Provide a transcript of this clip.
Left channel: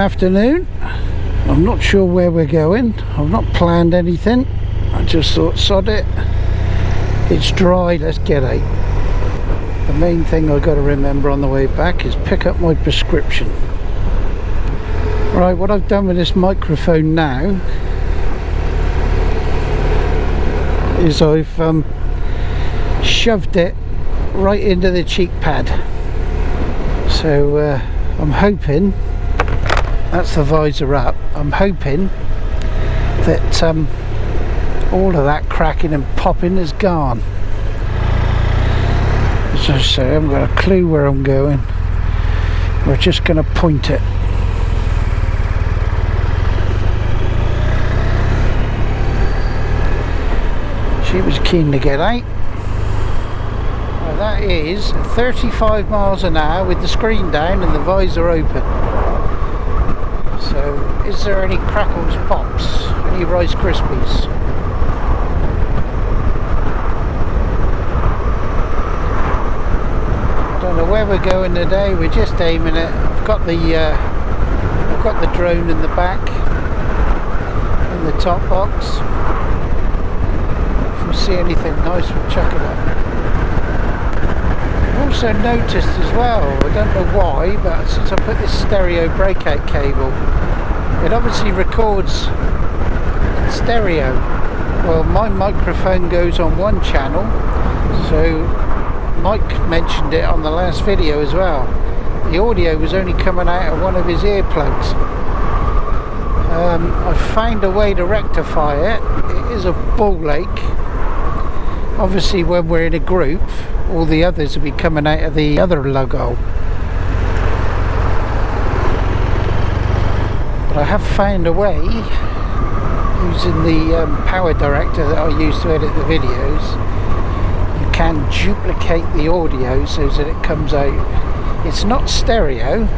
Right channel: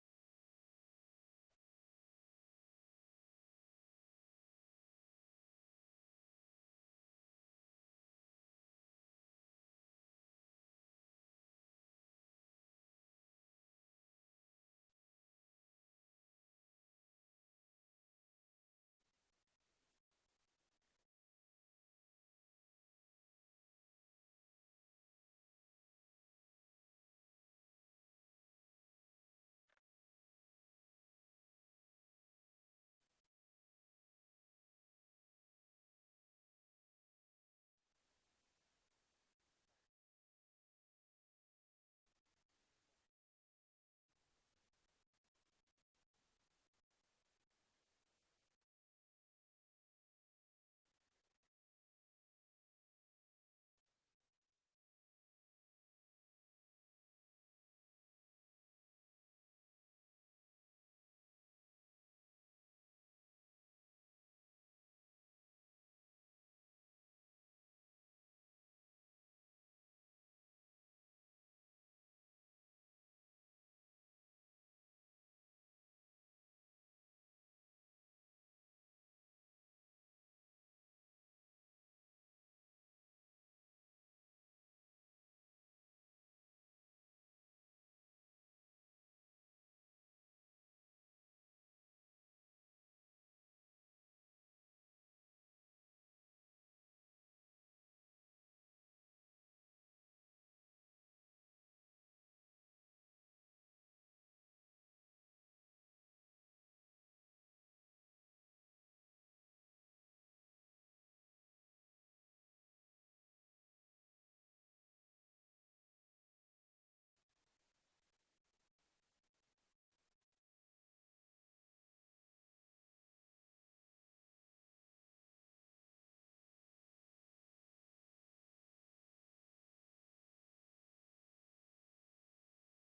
afternoon. I'm not sure where we're going. I've not planned anything. I just thought, sod it. It's dry, let's get out. The main thing I've got to remember on the way back is pick up my prescription. Right, what I've done with this microphone now is I've shoved it right into the cheek pad. So I'm hoping, that's the visor up, I'm hoping that all of that cracking and popping is gone. As I say, I haven't got a clue where I'm going. We're just going to point it. She was keen to get out. Well, that is 35 miles an hour with the screen down and the visor open. So, is there any crackles, pops, any Rice Krispies? I don't know where we're going today. We're just aiming it. I've got the drone in the back, in the top box. If we see anything nice, we'll chuck it up. I've also noticed as well, I don't know why, but since I put this stereo breakout cable, it obviously records in stereo. Well, my microphone goes on one channel, so Mike mentioned it on the last video as well. The audio was only coming out of one of his earplugs. I found a way to rectify it. It is a ball ache. Obviously when we're in a group, all the others will be coming out of the other lug hole. But I have found a way, using the PowerDirector that I use to edit the videos, you can duplicate the audio so that it comes out. It's not stereo,